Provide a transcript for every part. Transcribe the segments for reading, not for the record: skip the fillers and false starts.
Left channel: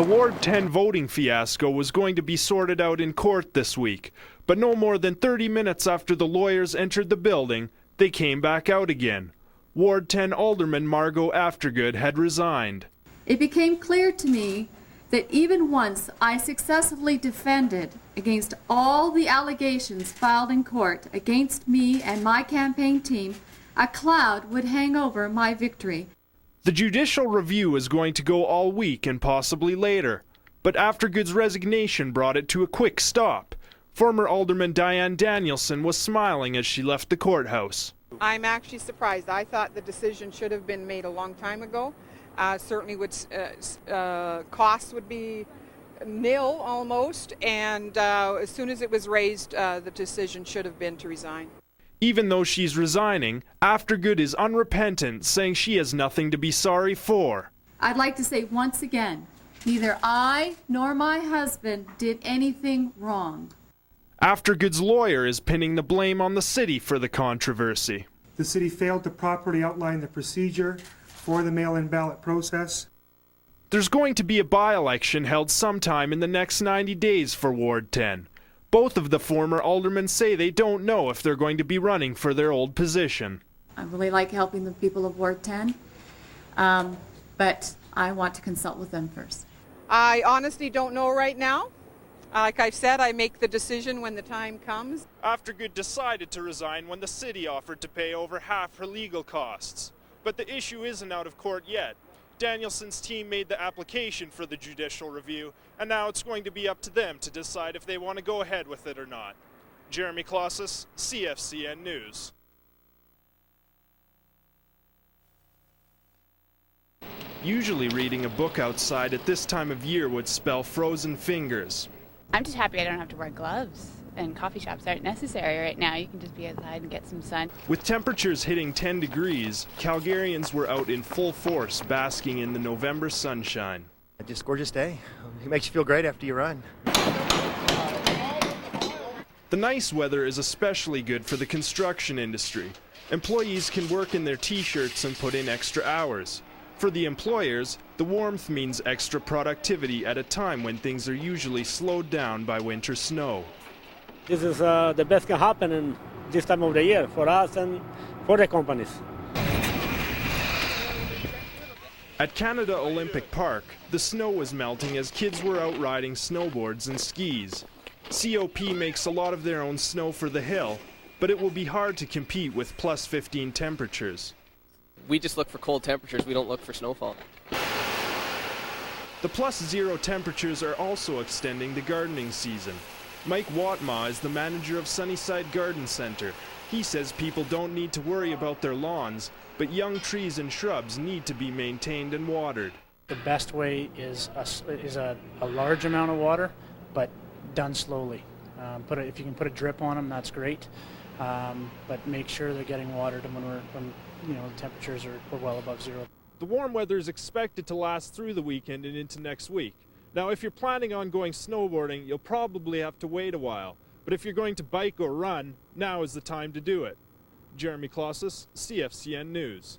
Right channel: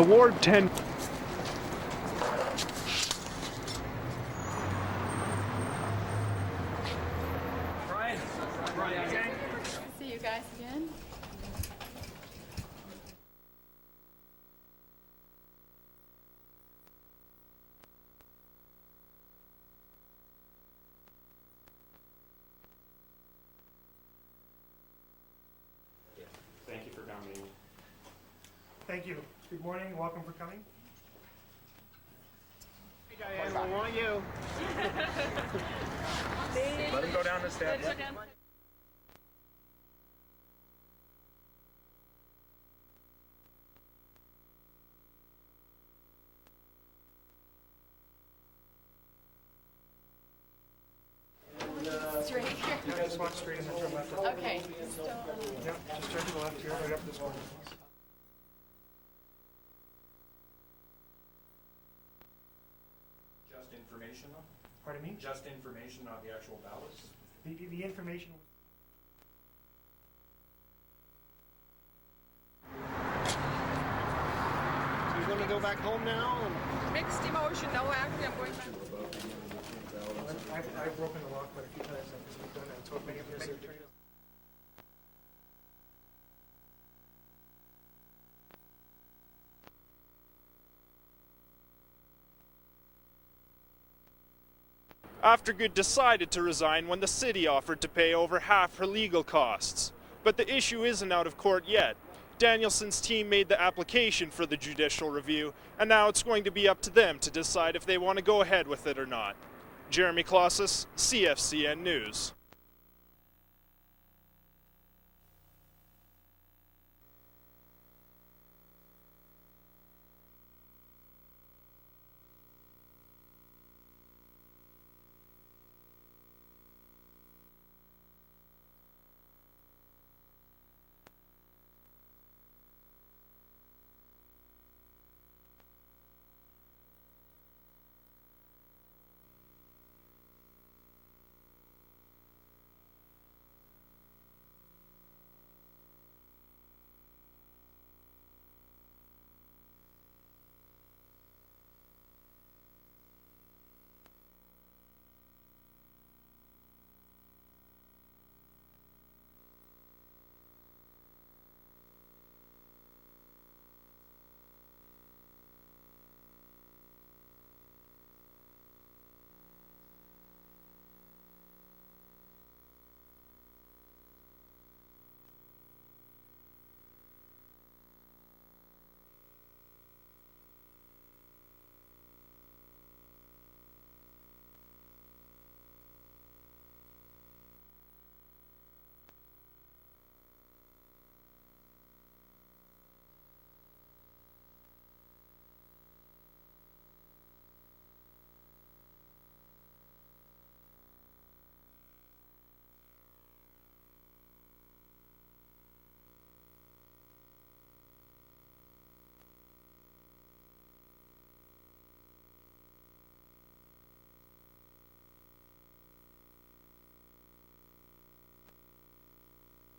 The Ward 10 voting fiasco was going to be sorted out in court this week, but no more than 30 minutes after the lawyers entered the building, they came back out again. Ward 10 Alderman Margot Aftergood had resigned. It became clear to me that even once I successfully defended against all the allegations filed in court against me and my campaign team, a cloud would hang over my victory. The judicial review is going to go all week and possibly later, but Aftergood's resignation brought it to a quick stop. Former Alderman Diane Danielson was smiling as she left the courthouse. I'm actually surprised. I thought the decision should have been made a long time ago. Certainly costs would be nil almost, and as soon as it was raised, the decision should have been to resign. Even though she's resigning, Aftergood is unrepentant, saying she has nothing to be sorry for. I'd like to say once again, neither I nor my husband did anything wrong. Aftergood's lawyer is pinning the blame on the city for the controversy. The city failed to properly outline the procedure for the mail-in ballot process. There's going to be a by-election held sometime in the next 90 days for Ward 10. Both of the former aldermen say they don't know if they're going to be running for their old position. I really like helping the people of Ward 10, but I want to consult with them first. I honestly don't know right now. Like I've said, I make the decision when the time comes. Aftergood decided to resign when the city offered to pay over half her legal costs. But the issue isn't out of court yet. Danielson's team made the application for the judicial review, and now it's going to be up to them to decide if they want to go ahead with it or not. Jeremy Klaszus, CFCN News. Usually reading a book outside at this time of year would spell frozen fingers. I'm just happy I don't have to wear gloves, and coffee shops aren't necessary right now. You can just be outside and get some sun. With temperatures hitting 10 degrees, Calgarians were out in full force basking in the November sunshine. Just a gorgeous day. It makes you feel great after you run. The nice weather is especially good for the construction industry. Employees can work in their t-shirts and put in extra hours. For the employers, the warmth means extra productivity at a time when things are usually slowed down by winter snow. This is the best can happen in this time of the year for us and for the companies. At Canada Olympic Park, the snow was melting as kids were out riding snowboards and skis. COP makes a lot of their own snow for the hill, but it will be hard to compete with plus 15 temperatures. We just look for cold temperatures, we don't look for snowfall. The plus zero temperatures are also extending the gardening season. Mike Watma is the manager of Sunnyside Garden Center. He says people don't need to worry about their lawns, but young trees and shrubs need to be maintained and watered. The best way is a large amount of water, but done slowly. If you can put a drip on them, that's great. But make sure they're getting watered when the temperatures are well above zero. The warm weather is expected to last through the weekend and into next week. Now, if you're planning on going snowboarding, you'll probably have to wait a while. But if you're going to bike or run, now is the time to do it. Jeremy Klaszus, CFCN News.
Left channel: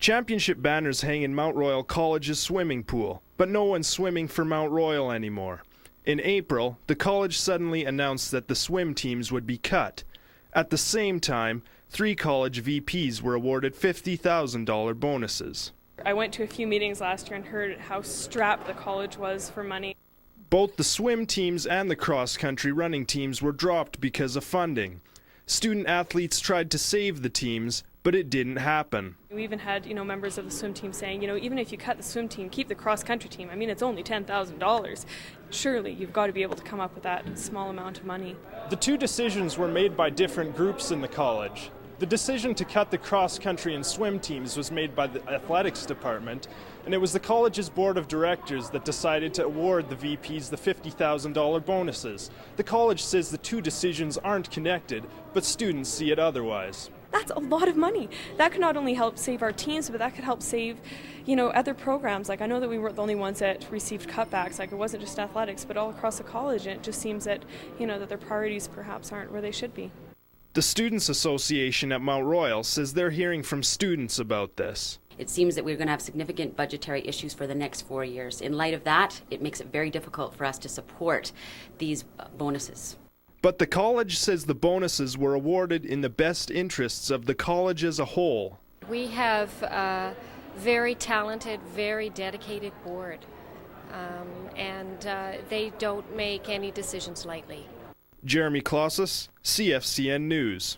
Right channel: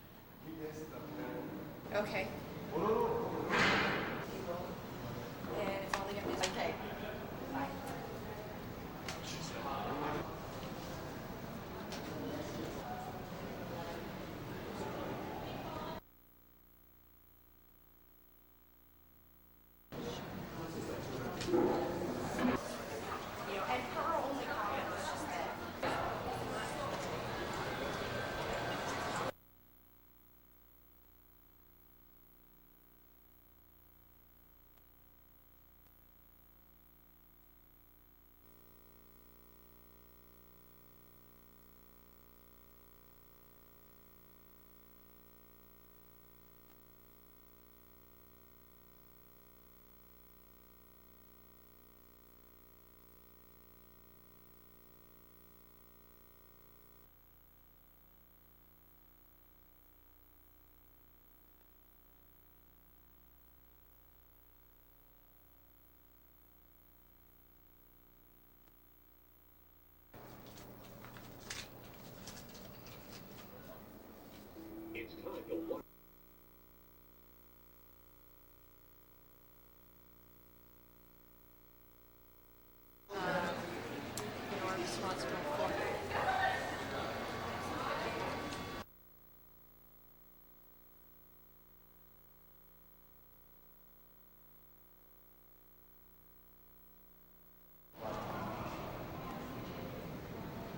Championship banners hang in Mount Royal College's swimming pool, but no one's swimming for Mount Royal anymore. In April, the college suddenly announced that the swim teams would be cut. At the same time, 3 college VPs were awarded $50,000 bonuses. I went to a few meetings last year and heard how strapped the college was for money. Both the swim teams and the cross-country running teams were dropped because of funding. Student athletes tried to save the teams, but it didn't happen. We even had, members of the swim team saying, even if you cut the swim team, keep the cross-country team. I mean, it's only $10,000. Surely you've got to be able to come up with that small amount of money. The two decisions were made by different groups in the college. The decision to cut the cross-country and swim teams was made by the athletics department, and it was the college's board of directors that decided to award the VPs the $50,000 bonuses. The college says the two decisions aren't connected, but students see it otherwise. That's a lot of money. That could not only help save our teams, but that could help save, other programs. Like, I know that we weren't the only ones that received cutbacks. Like, it wasn't just athletics, but all across the college. And it just seems that, that their priorities perhaps aren't where they should be. The Students Association at Mount Royal says they're hearing from students about this. It seems that we're going to have significant budgetary issues for the next 4 years. In light of that, it makes it very difficult for us to support these bonuses. But the college says the bonuses were awarded in the best interests of the college as a whole. We have a very talented, very dedicated board, and they don't make any decisions lightly. Jeremy Klaszus, CFCN News.